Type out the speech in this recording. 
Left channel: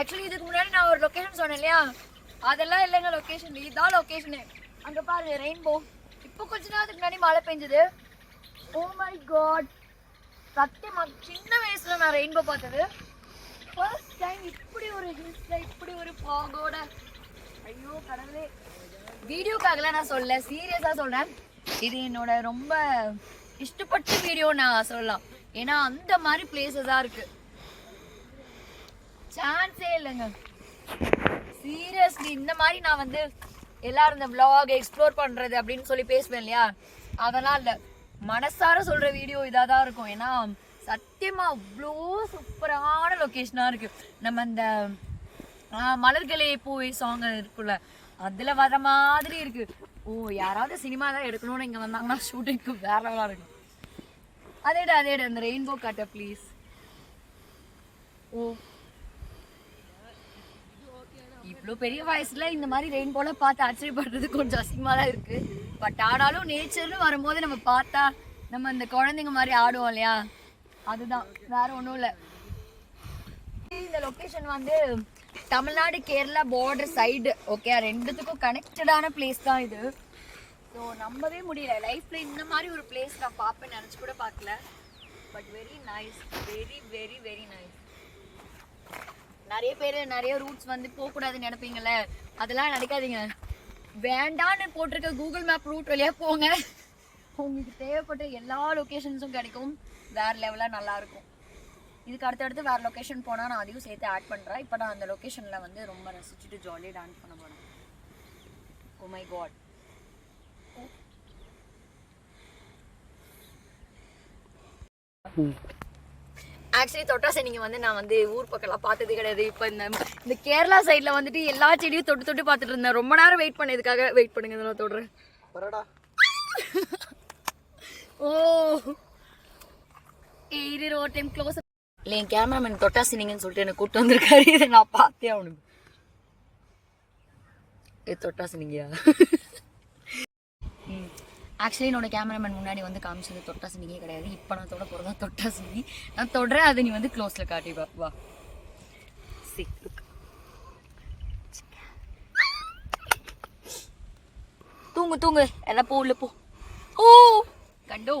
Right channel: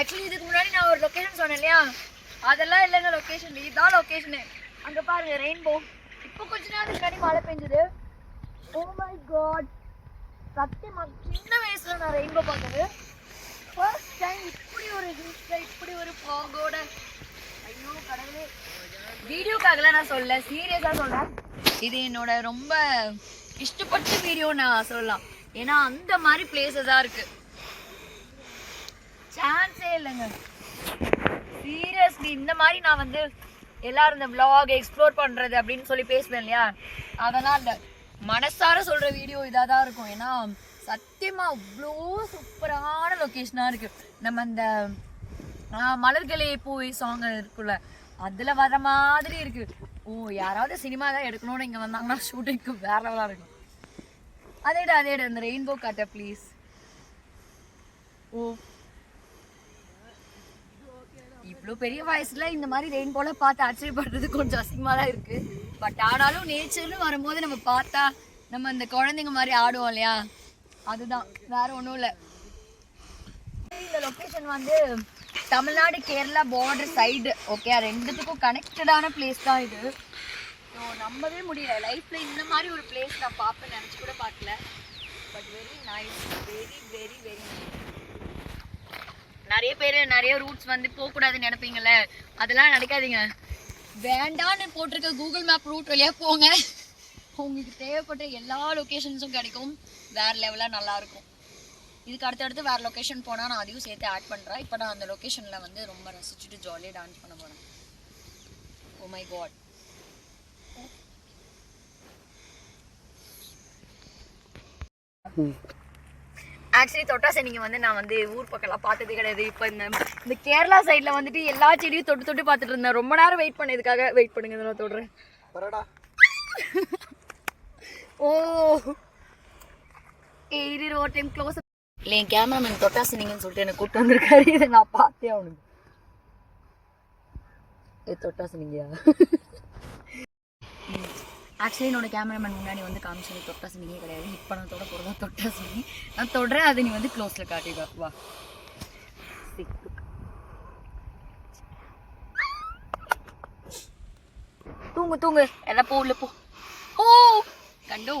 Actually இதுக்கு முன்னாடி நான் ஒரு லொகேஷன் சொன்னேன் இல்லையா, அதெல்லாம் இல்லைங்க லொகேஷன், இதுதான் லொகேஷனு. அங்கே பாருங்க ரெயின்போ. இப்போ கொஞ்ச நேரத்துக்கு முன்னாடி மழை பெஞ்சது. ஓ மை காட், சத்தியமா சின்ன வயசுல நான் ரெயின்போ பார்த்தது ஃபர்ஸ்ட் டைம். இப்படி ஒரு ஹில்ஸ்ல இப்படி ஒரு ஃபாகோட, ஐயோ கடவுளே. வீடியோக்காகலாம் நான் சொல்ல, சீரியஸாக சொல்கிறேன். இது என்னோட ரொம்ப இஷ்டப்பட்ட வீடியோ நான் சொல்லலாம். ஏன்னா அந்த மாதிரி பிளேஸஸாக இருக்கு, சான்ஸே இல்லைங்க சீரியஸ்லி. இந்த மாதிரி நான் வந்து எல்லாரும் இந்த vlog எக்ஸ்ப்ளோர் பண்ணுறது அப்படின்னு சொல்லி பேசுவேன் இல்லையா, அதெல்லாம் இல்லை, மனசார சொல்கிற வீடியோ இதாக தான் இருக்கும். ஏன்னா சத்தியமாக அவ்வளோ சூப்பரான லொக்கேஷனாக இருக்குது. நம்ம இந்த மலர்களே பூவை சாங் இருக்குல்ல, அதில் வர மாதிரி இருக்குது. ஓ, யாராவது சினிமா தான் எடுக்கணும்னு இங்கே வந்தாங்கன்னா ஷூட்டிங்க்கு வேற லெவலாக இருக்கும். அதேடா அந்த ரெயின்போ காட்ட ப்ளீஸ். ஓ, இவ்வளோ பெரிய வயசுல இந்த மாதிரி ரெயின்போல பார்த்து ஆச்சரியப்படுறது கொஞ்சம் அசிங்கமாக தான் இருக்கு. பட் ஆனாலும் நேச்சர்னு வரும்போது நம்ம பார்த்தா நம்ம இந்த குழந்தைங்க மாதிரி ஆடுவோம் இல்லையா, அதுதான், வேற ஒன்றும் இல்லை. இந்த லொக்கேஷன் வந்து Tamil Nadu Kerala border side, okay, ரெண்டுத்துக்கும் கனெக்டடான பிளேஸ் தான் இது. ஸோ நம்பவே முடியல, லைஃப்பில் இந்த மாதிரி ஒரு பிளேஸ் நான் பார்ப்பேன் நினச்சி கூட பார்க்கல. But very nice, very very very nice. நிறைய பேர் நிறைய ரூட்ஸ் வந்து போகக்கூடாதுன்னு நினைப்பீங்கள்ல, அதெல்லாம் நினைக்காதீங்க. வேண்டான்னு போட்டிருக்க கூகுள் மேப் ரூட் வழியாக போங்க, உங்களுக்கு தேவைப்பட்ட எல்லா லொக்கேஷன்ஸும் கிடைக்கும். வேறு லெவலாக நல்லாயிருக்கும். இதுக்கு அடுத்தடுத்து வேறு லொக்கேஷன் போனால் நான் அதையும் சேர்த்து ஆட் பண்ணுறேன். இப்போ நான் அந்த லொக்கேஷனில் வந்து ரொம்ப ரசிச்சுட்டு ஜாலியாக டான்ஸ் பண்ண போகிறேன். ஓ மை காட், ஆக்சுவலி தொட்டாசை நீங்கள் வந்து நான் வந்து ஊர் பக்கம்லாம் பார்த்ததே கிடையாது. இப்போ இந்த கேரளா சைடில் வந்துட்டு எல்லா செடியும் தொட்டு தொட்டு பார்த்துட்டு இருந்தேன். ரொம்ப நேரம் வெயிட் பண்ணதுக்காக. வெயிட் பண்ணுங்க, நான் தொடுறேன். ஓ இது ஒரு டைம் க்ளோஸ் இல்லை, என் கேமராமேன் தொட்டாசி நீங்கன்னு சொல்லிட்டு என்னை கூப்பிட்டு வந்திருக்காரு. இதை நான் பார்த்தே அவனுக்கு. தொட்டாசி நீங்கயா? ஆக்சுவலி என்னோட கேமராமேன் முன்னாடி வந்து காமிச்சது தொட்டாசி நீங்க கிடையாது. இப்போ நான் தொட போகிறதா தொட்டாசி நீ. நான் தொடுறேன், அது நீ வந்து க்ளோஸில் காட்டி வா. தூங்கு எல்லாம் போ, உள்ள போ. ஓ கண்டோ,